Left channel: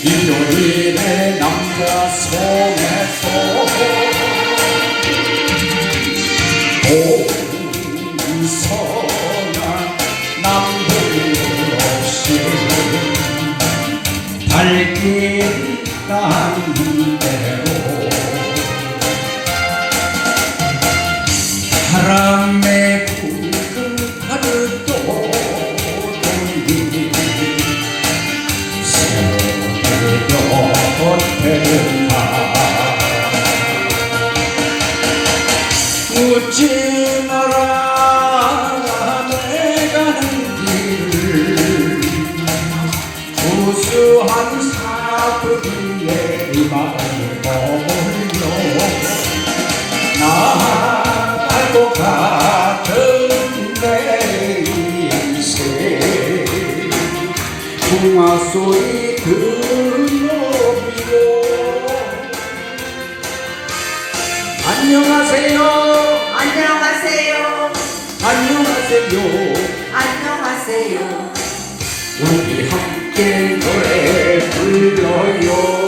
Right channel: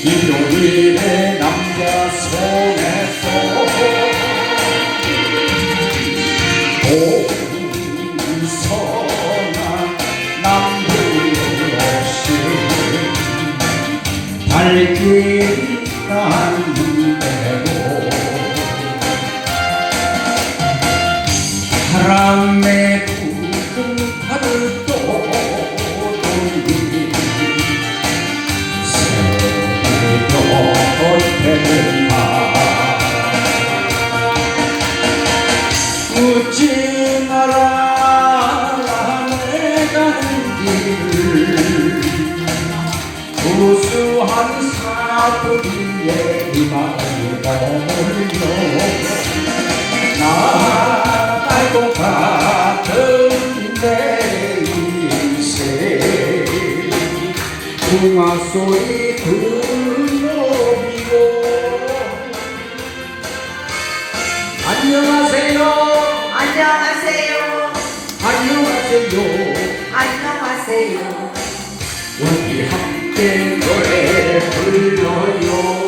일요일에 남자 손에서 오른서나 남북 없이. 밝게 안녕하세요. 안녕하세요. 안녕하세요. 안녕하세요. 우리 함께 노래 불러요.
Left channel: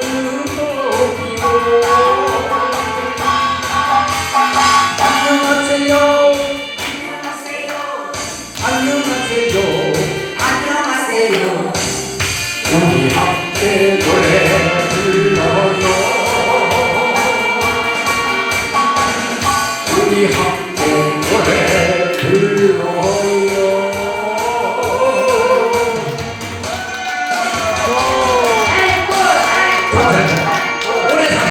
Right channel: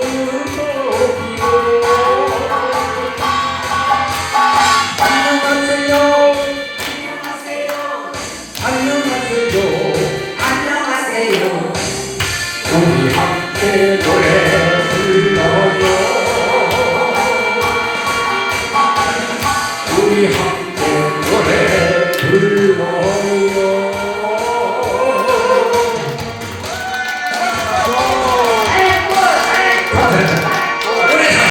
우리 함께 노래 불러요